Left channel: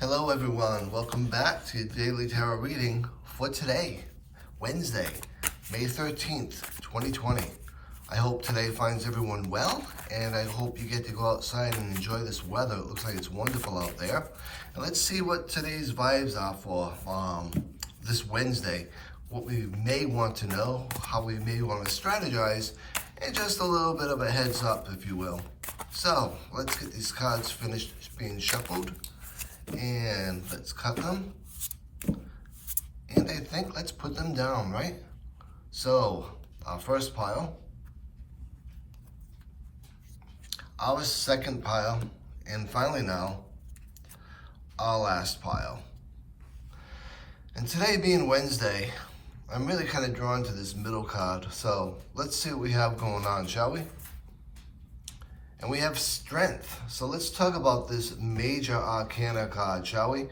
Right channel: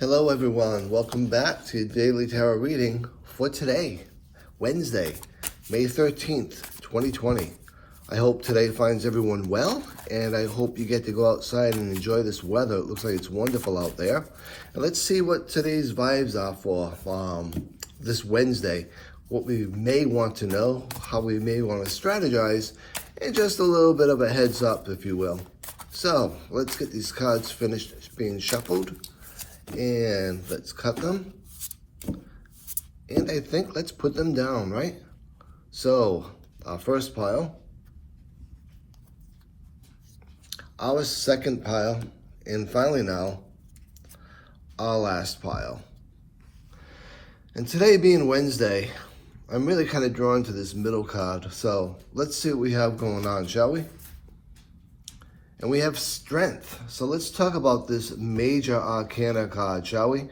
Hello everyone, welcome back to Daily Tarot Reading for today, Wednesday, May 13th, 2020. I hope today finds everyone well, and I hope you get to go outside and enjoy this weather. It looks like it's wonderful out there. And let's see what today's vibes are for this Wednesday, what we may want to know, how we may want to strategize, and just a little bit of a heads up, if you will. So, let's get these cards finished being shuffled. And let's cut them, and I think let's put them down, right? So our first pile, our second pile, and finally now our last pile. And today being Wednesday, I'm really kind of drawn to this middle card, so let's see what we have going on, shall we? And we have strength. So let's talk about this major arcana card, shall we?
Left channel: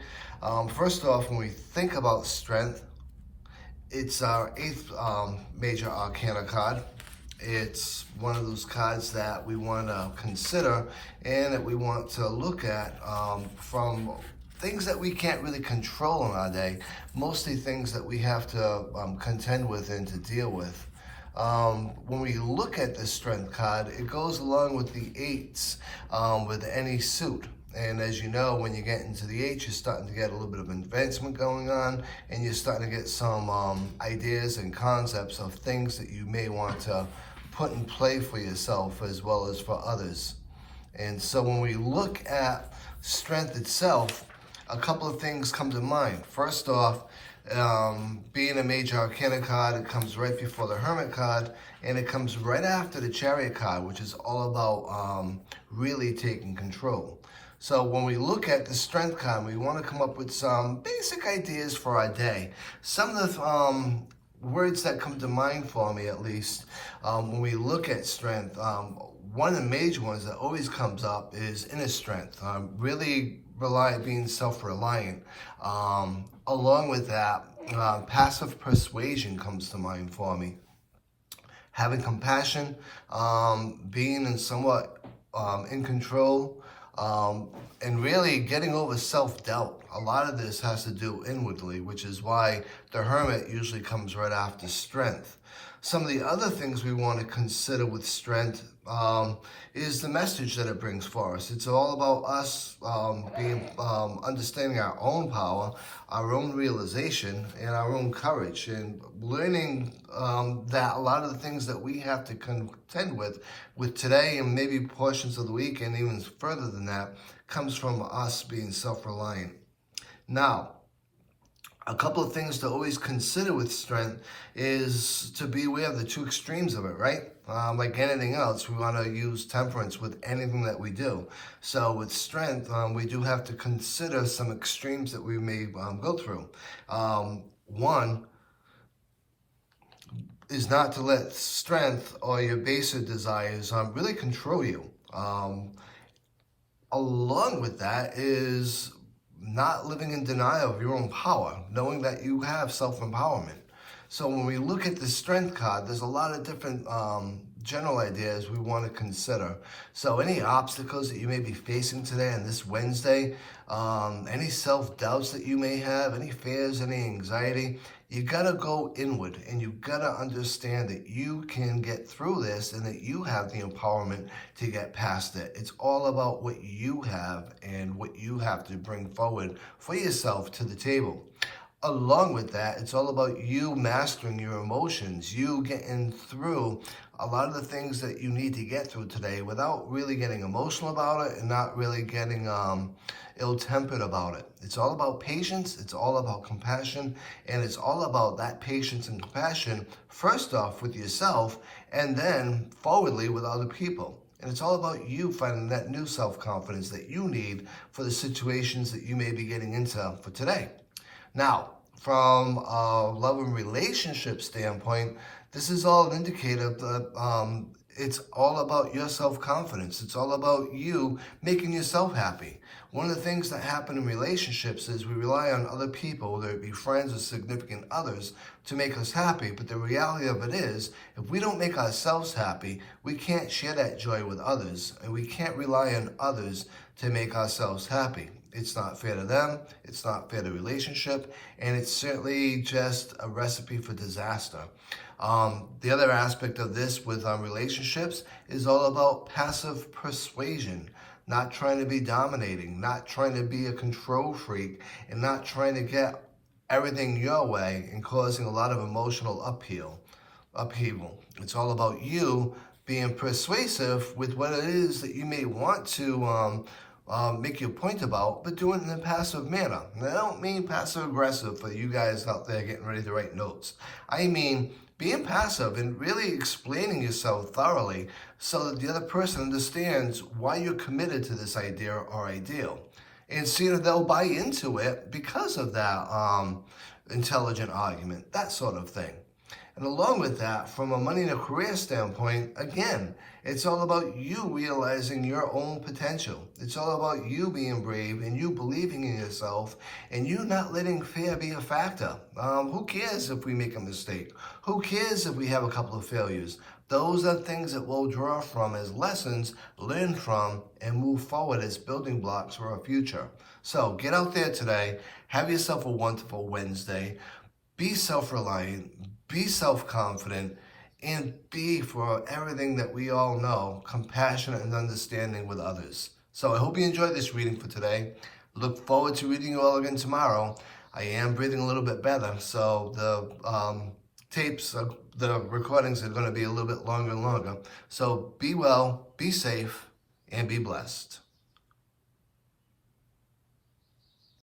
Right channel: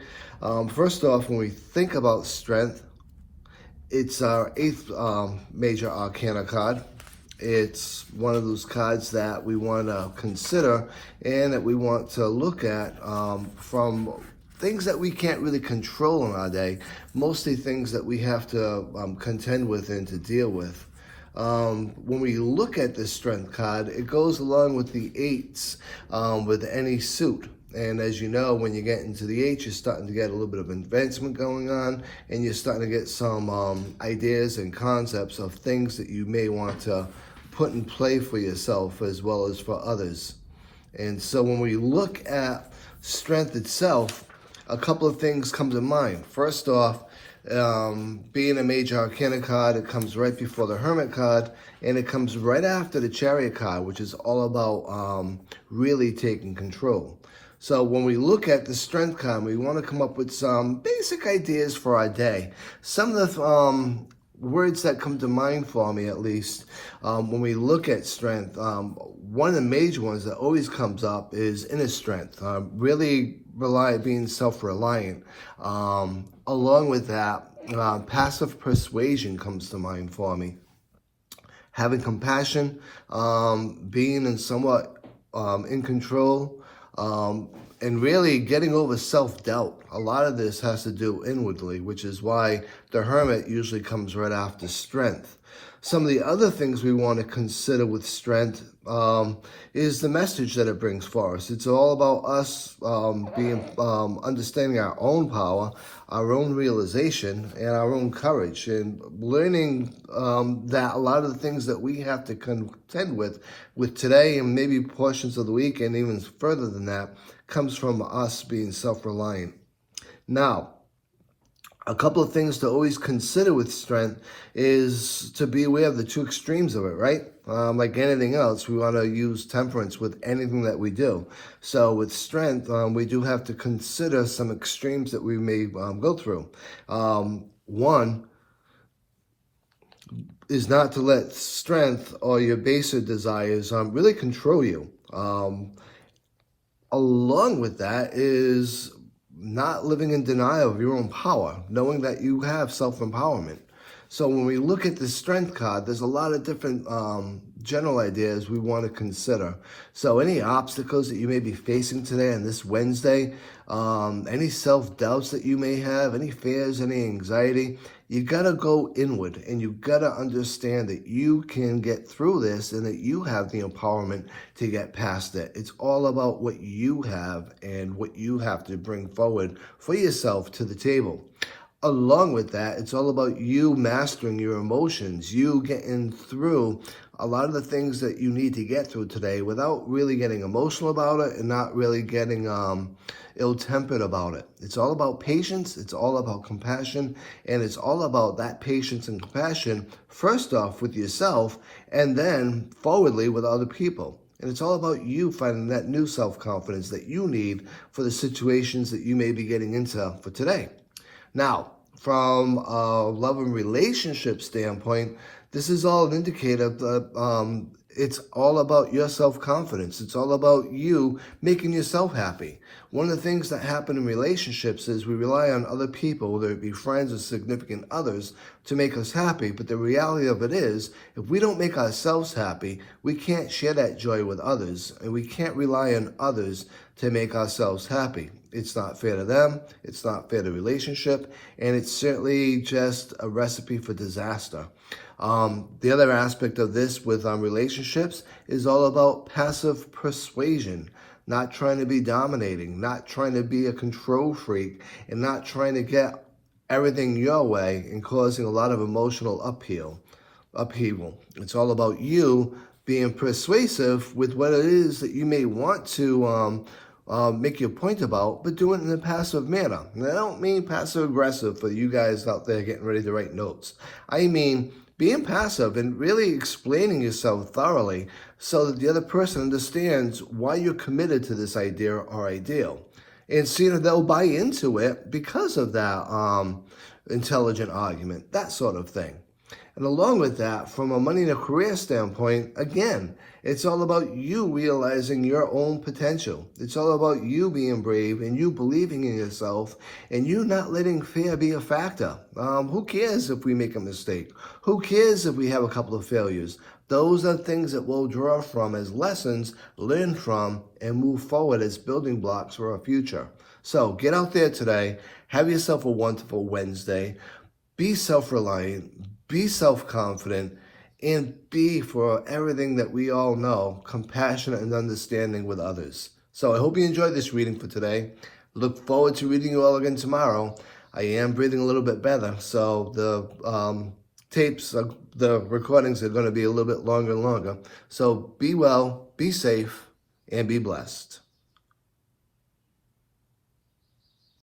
First off, when we think about strength, it's our eighth major arcana card. It's one of those cards that we want to consider and that we want to look at from things that we can't really control in our day, mostly things that we have to contend with and to deal with. When we look at this strength card, it goes along with the eights with any suit. And as you know, when you get into the eights, you're starting to get a little bit of advancement going on, and you're starting to get some ideas and concepts of things that you may want to put in play for yourself as well as for others. And so when we look at strength itself, a couple of things come to mind. First off, being a major arcana card, it comes right before the Hermit card, and it comes right after the Chariot card, which is all about really taking control. So when we look at the strength card, we want to come up with some basic ideas for our day. Some of the words that come to mind for me, at least, when we look at strength, one of the major ones that always comes up is inner strength. Really being self-reliant. Along with that, passive persuasion comes to mind for me. Having compassion, being in somewhat in control, and really getting over self-doubt. A lot of this has to do inwardly, which is why the Hermit usually comes right after strength. Some of the other things we want to consider with strength is the message that it brings for us. It's all about us understanding our own power, our own realization, and our own courage, and learning that a lot of the things that we have to contend with today and maybe portions of the week and even further than that comes from us being self-reliant. Now, a couple of things to always consider with strength is to be aware of the two extremes of it, right? Like anything else, we want to use temperance with anything that we do. So with strength, we do have to consider some extremes that we may go through. One is not to let strength or your baser desires really control you. Along with that is not living in denial of your own power, knowing that you have self-empowerment. So when we look at the strength card, there's a lot of different general ideas we want to consider. So any obstacles that you may be facing today on this Wednesday, any self-doubts that you may have, any fears, any anxiety, you got to go inward and you got to understand that you can get through this and that you have the empowerment to get past it. It's all about what you have and what you have to bring forward for yourself to the table. Along with that, it's all about you mastering your emotions, you getting through a lot of the things that you need to get through today without really getting emotional about it and not really getting ill-tempered about it. It's all about patience, it's all about compassion, and it's all about that patience and compassion, first off with yourself, and then forwardly with other people. And it's all about you finding that new self-confidence that you need for the situations that you may be getting into for today. Now, from a love and relationship standpoint, this is all an indicator that it's all about your self-confidence. It's all about you making yourself happy. One of the things that happen in relationships is we rely on other people, whether it be friends or significant others, to make us happy. But the reality of it is, if we don't make ourselves happy, we can't share that joy with others, and we can't rely on others to make ourselves happy. It's not fair to them, it's not fair to the relationship, and it's certainly just a recipe for disaster. The other aspect of this with relationships is all about passive persuasion, not trying to be dominating, not trying to be a control freak, and not trying to get everything your way and causing a lot of emotional upheaval. It's all about you being persuasive with what it is that you may want to make your point about, but do it in a passive manner. And I don't mean passive aggressive for you guys out there getting ready to write notes. I mean being passive and really explaining yourself thoroughly so that the other person understands why you're committed to this idea or ideal. And see that they'll buy into it because of that intelligent argument, that sort of thing. And along with that, from a money and a career standpoint, again, it's all about you realizing your own potential. It's all about you being brave and you believing in yourself and you not letting fear be a factor. Who cares if we make a mistake? Who cares if we have a couple of failures? Those are things that we'll draw from as lessons, learn from, and move forward as building blocks for our future. So get out there today, have yourself a wonderful Wednesday, be self-reliant, be self-confident, and be, for everything that we all know, compassionate and understanding with others. So I hope you enjoyed this reading for today. Look forward to reading you all again tomorrow. I am breathing a little bit better, so the the recordings are going to be a little bit longer and longer. So be well, be safe, and be blessed.